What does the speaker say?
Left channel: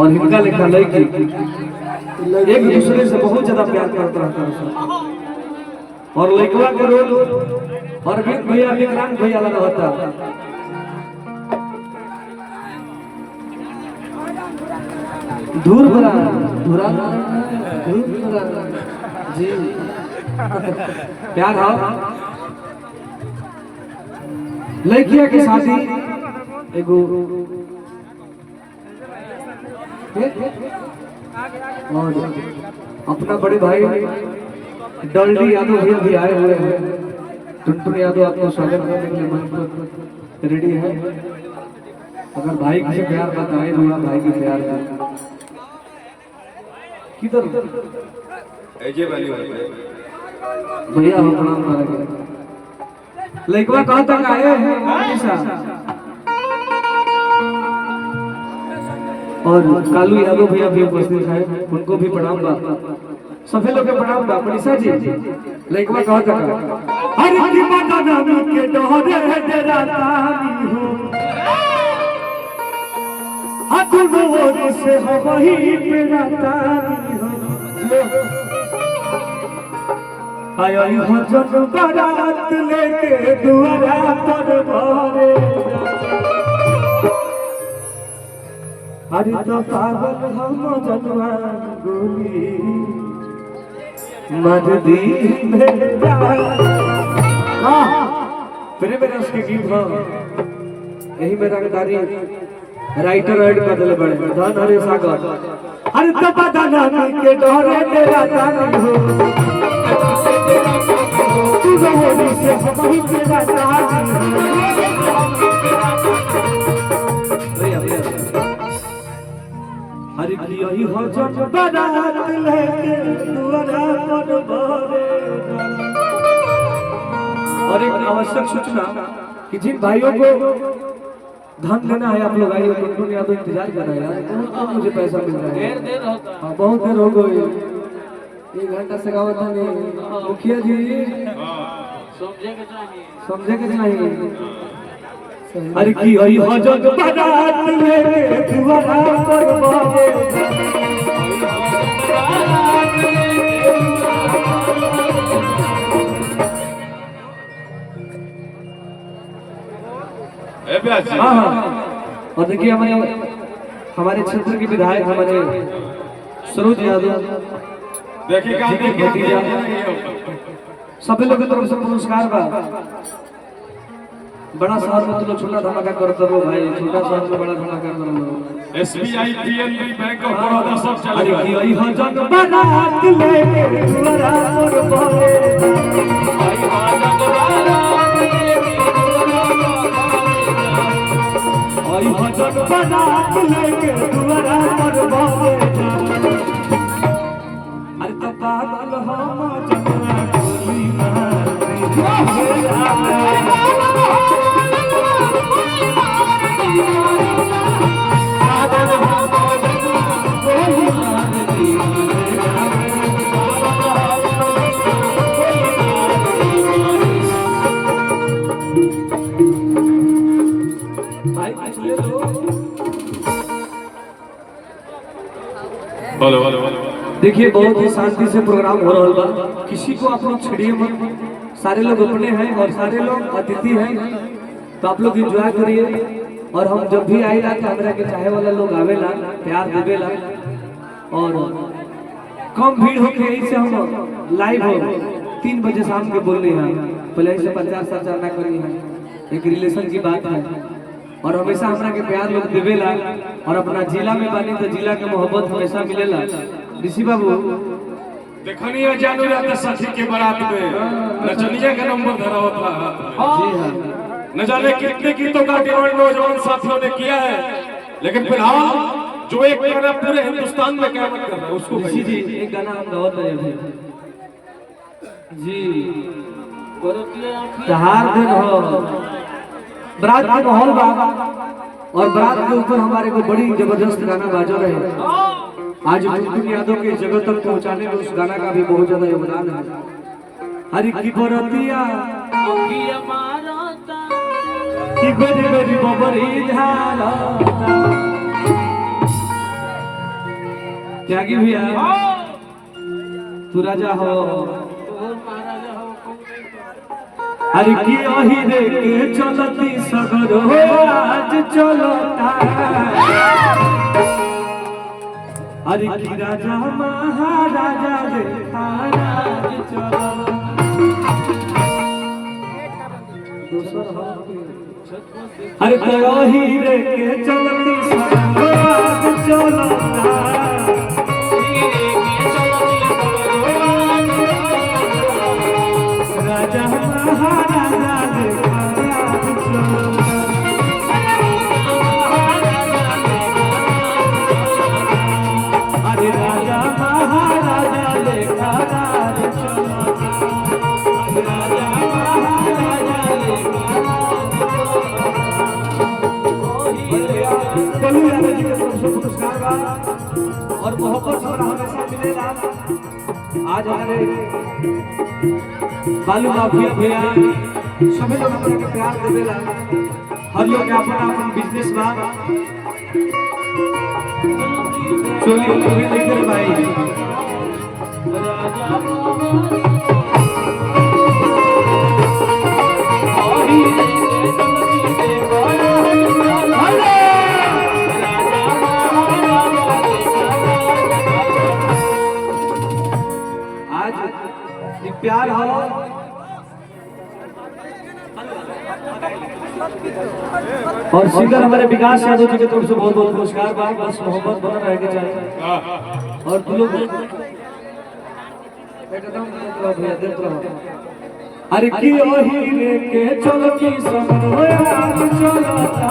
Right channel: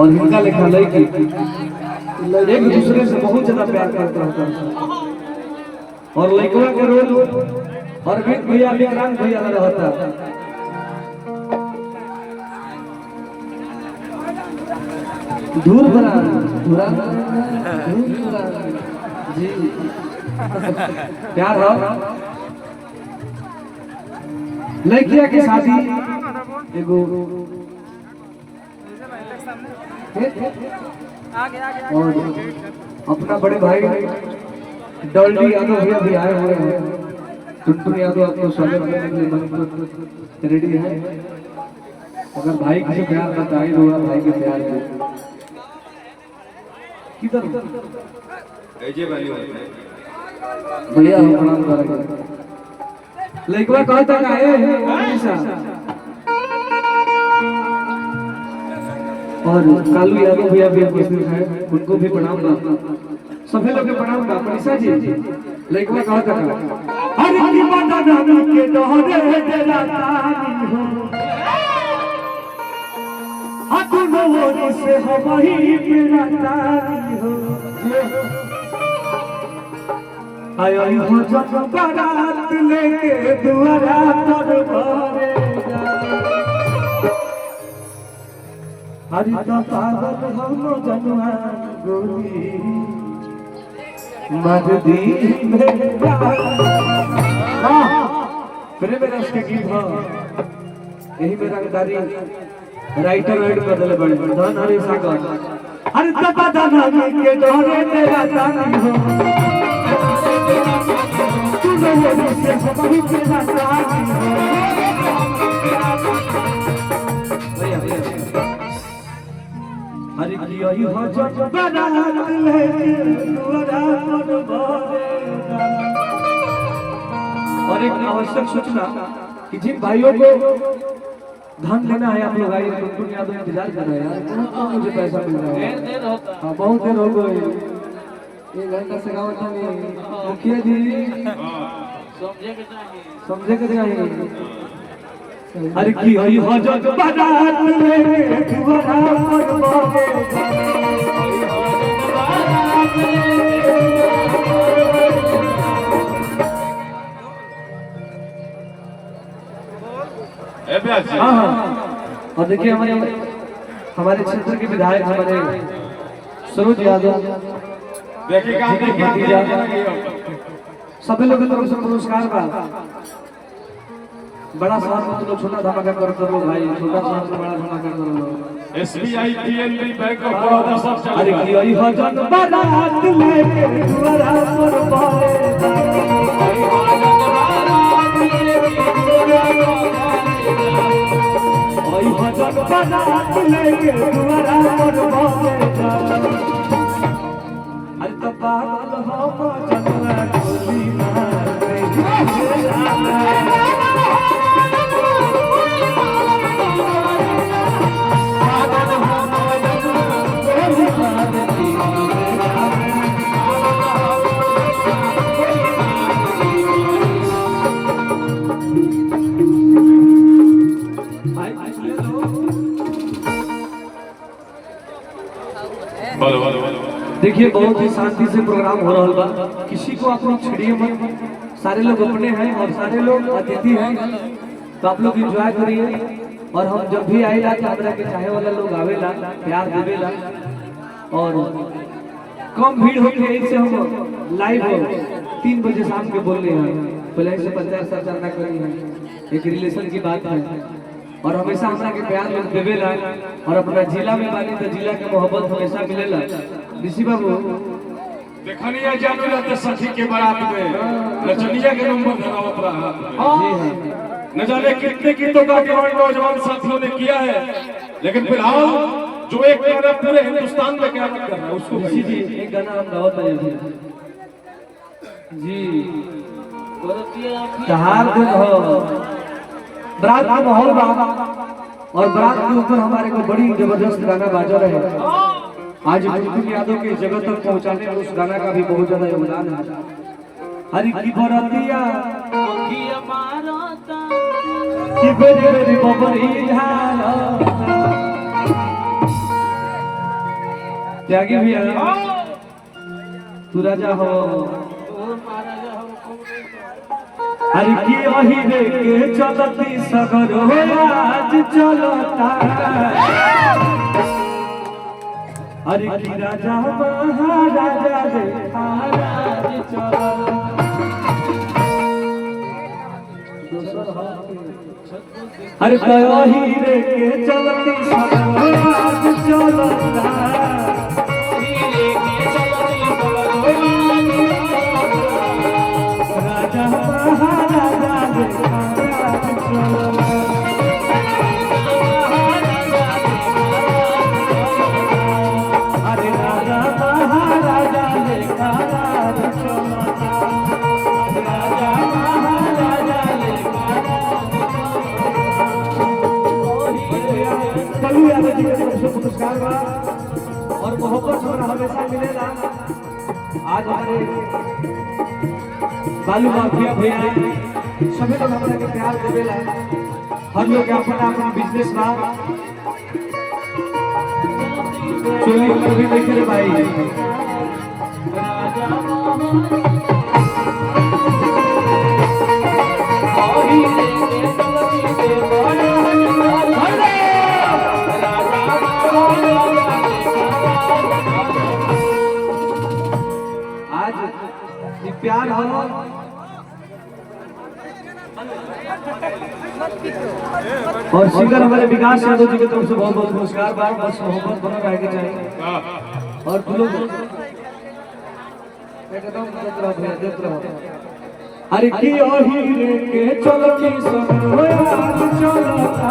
और हिंगा लिखा लड़की एक दूसरे से बहुत ज्यादा प्यार करता है और लड़कवा के रोल और भैया विक्रांत भैया लगा होता धूर भरा धुरा जी प्यार हो लड़किया की शादी एगो अपना बड़े भाई डॉल्डी यादव भैया भी आए हुए हैं। टुनटुन यादव आपको स्वागत करने के लिए रेडी है। अगर भाई किसी प्यार बताए तो भाई के प्यार किधर भैया हम प्रणाम करेंगे। लड़का कहाँ तक आए हैं और कालू यादव भैया भी उपस्थित हैं, उनको भी प्रणाम बा। सभी लोग के प्रणाम बा। मनीषा जी लड़का कहाँ तक आए? हर की बता के डोरे तेरा तानी हो दोनों ओर से हम ही तेरा तानी हो आयो हो जब बारात लेके दुआरा पर भरे हरि तो पागल हम जनवा गोली मजदी फिर मेरे उसके गीत हो यही मेरा रंगदारी राइटर एड कर दे बड़े धन हरे सागर हरि तो पता ना के डोरे तेरा तानी हो तू मेरे से हम तेरा तानी हरि की यही हो जब बारात लेके दुआरा पर भरे और एक आवश्यक सूचना कि जिन भाइयों को धन लेना है आप लोग आइए उनको याद इंतजार कर रहे हैं अब मुझे पैसा मिल रहा है बहुत देर हो गई 1 घंटा से गाँव मुखिया जी समझे के चाहिए हर की हई हो जो बारात में दुआरा पर भरे हाँ और देखिए हमारे क्षेत्र के विधायक हमारे सरोज यादव भतीजा सभी लोगों की तरफ से पुरस्कार का बड़ा शहर में तो छोटा धमाका कर दो भाई छोटा शहर में बड़ा धमाका कर दो SBI PNB bank of Baroda सब चल अरे की वही हो जब बारात लेके दुआरा पर भरे आई हो जब बारात लेके दुआरा पर भरे अरे तो पागल हम चंद्रा गोली देखिए बहुत ही शांति से प्रोग्राम हो रहा बा किसी को आप लोग छेड़िए मत सारे लोग अपने हैं और सारे लोग अतिथि हैं तो आप लोग एंजॉय करिए और हम जब भी आएला कि हमरा के चाहे वाला लोग आवेला प्यार देवेला और कम भीड़ होके ऐसे हम लाइव हो 3 बजे शाम के बोल रहे हैं पहले से 50 साल चलना करी है एक रिलेशन की बात है और हमेशा हमरा के प्यार लोग देवेला और अपना जिला में बानी तो जिला के मोहब्बत हमेशा मिलेला ऋषि बाबू देखनिया जानू रहते सखी के बारात में नचनिया के नंबर धरावत रहा जी हां न जाने कितने गीतों का निर्माण नौजवान साथियों ने किया है लेकिन फिलहाल जो एक गाना पूरे हिंदुस्तान में क़यामत कर रहा है उसको ऋषि जी एक गाना हम गावत रहे थे जी चार दिन हो बरात का माहौल बा और बरात के ऊपर हमारे को बड़ी जबरदस्त गाना बाजो रहे आज टुनटुन यादव के जगह तक पहुंचाने में उस गाना का भी बहुत ज्यादा योगदान है हरि की बरतिया कि बेरी बेरी बबरी धारा त्यागी भी है, तू राजा हो। अरे की वही रे के चलती सगर हो आज चलता, अरे की राजा महाराजा रे आज चलता। अरे वही रे के चलती सगर हो आज चलता, राजा महाराजा रे आज चलता। अरे राजा महाराजा लेखा आज चलता, राजा महाराजा लेखा। कलू यादव जी के तरफ से पुरस्कार बा और मोहब्बत और हमेशा मिलेगा। आज हमारे बालू माफिया भैया सभी लोग अपना के प्यार देवेला, हर लोग अपना अपना बिजनेस बा, चोरी कभी नहीं करे भाई। आज ये प्यार हो और सिंगर हमारे विकास यादव जी की तरफ से बहुत बहुत पुरस्कार बा। बस मोहब्बत बना रहनी चाहिए और तुम लोग अरे की वही लेके चलो की संग चलता।